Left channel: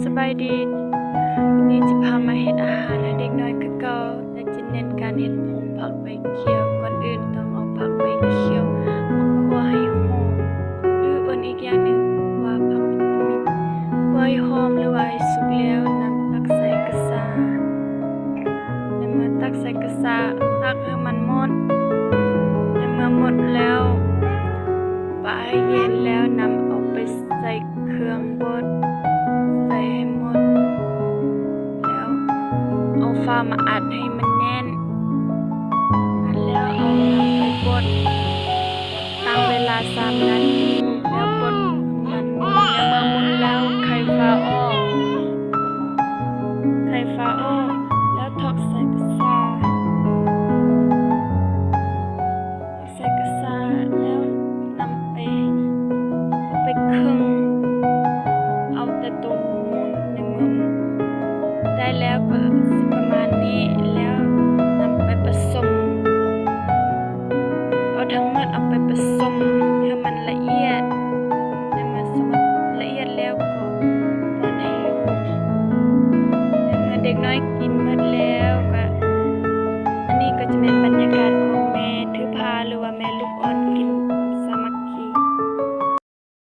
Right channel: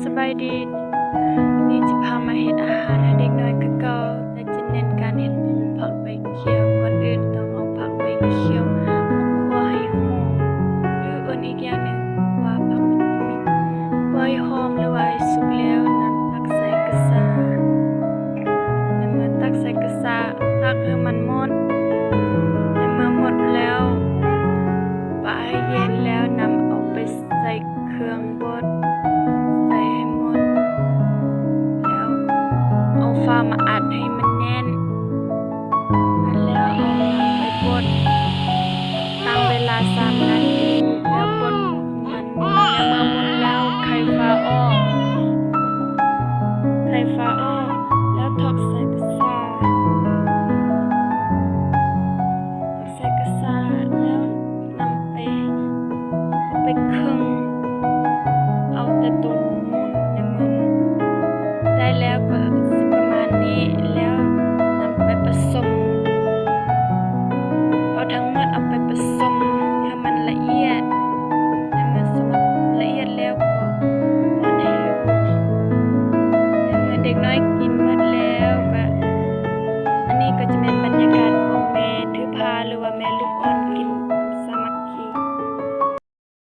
สบายดีวันนี้จะพามาเฮ็ดอาหารให้เด็กน้อยคือเก่าแต่จะเน้นการเฮ็ดผงผักใบเขียวก่อนอื่นต้องเอาผักใบเขียวมาคั่วให้หอมหรืออื่นอีกอย่างหนึ่งว่าผักวิตามินคั่วให้หอมหรือว่าให้สุกแล้วนำตักใส่กระสาในเมื่อตักใส่กระสาตักให้มันหมดในเมื่อหมดแล้วปาให้เย็นแล้วนำเอาไปใส่เครื่องบดใส่ให้หมดแล้วเอาฟ้ามาอัดให้มันแน่นอัดแล้วเอานำไปบดตั้งเวลา3 นาทีแล้วบดมันแล้วเมื่อหมดแล้วไข่ฟ้าออกแล้วทอกใส่กระสาแล้วนำไปเอาไปคึงเอาแต่ตรงมุนในมือได้แล้วก็สิประมาณนี้แล้วนำไปผสมเอาทั้งหมดเอาไปผสมให้มันละเอียดในเมื่อสมละเอียดแล้วก็ป้อนให้ลูกในเมื่อเด็กน้อยกินหมดแล้วก็